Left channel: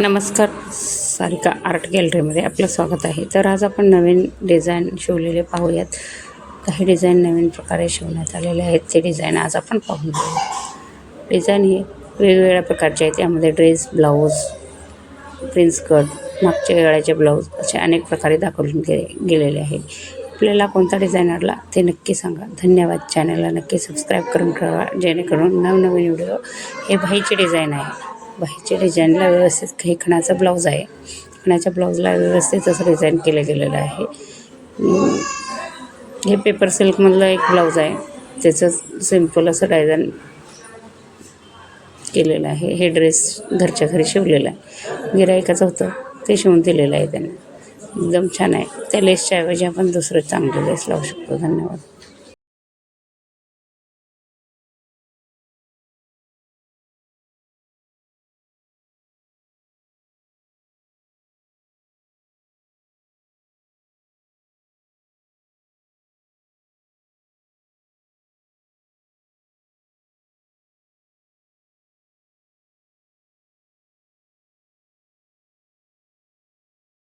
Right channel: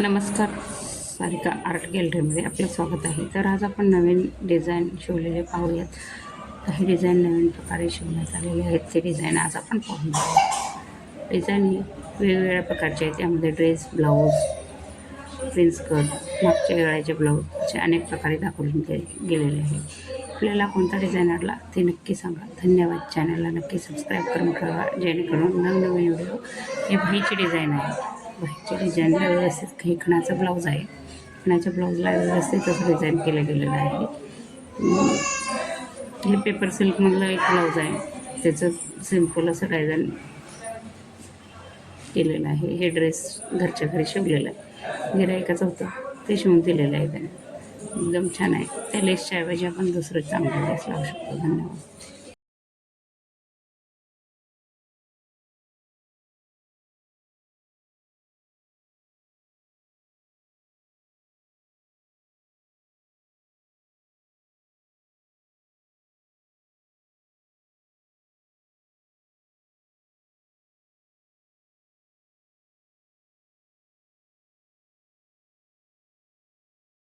नमस्कार, सारिका आर्ट गॅलरीमध्ये आपलं स्वागत आहे. तर आज आपण नवीन डिझाईन शिवलेले पाहूयात. काही डिझाईन नवीन प्रकारे शिवण्यात आलेले आहेत. ते डिझाईन आज आपण पाहून घेऊया. डिझाईन हे वेगवेगळ्या प्रकारचे आहेत. त्यामध्ये ड्रेस, ब्लाऊज, प्रिन्स कट, मागच्या गळ्याचे ब्लाऊज असे अनेक प्रकारे दाखवून गेलेले आहे. आपल्याला कोणता डिझाईन आवडला ते नक्की सांगा. धन्यवाद. चॅनलला नक्की सबस्क्राईब करून ठेवा, जेणेकरून नवनवीन व्हिडिओ. हे बाहीची डिझाईन आहे. बाहीच्या डिझाईनला व्यवस्थित काही खणाचा ब्लाऊज आहे. खणाच्या ब्लाऊजला व्यवस्थित असं डिझाईन केलं गेलेलं आहे. हे पेपर सिल्कमधलं एक ब्लाऊज आहे. त्याचं सिम्पल असं डिझाईन केलेलं आहे. हे ड्रेस घरच्या घरी शिवलेलं आहे. गिऱ्हाईकाचं होतं ते शिवून दिलेलं आहे त्याने. एकदम छान आहे. त्या लेसच्या ऐवजी आपण दुसरं चांगलं लेस लावू शकतो. धन्यवाद.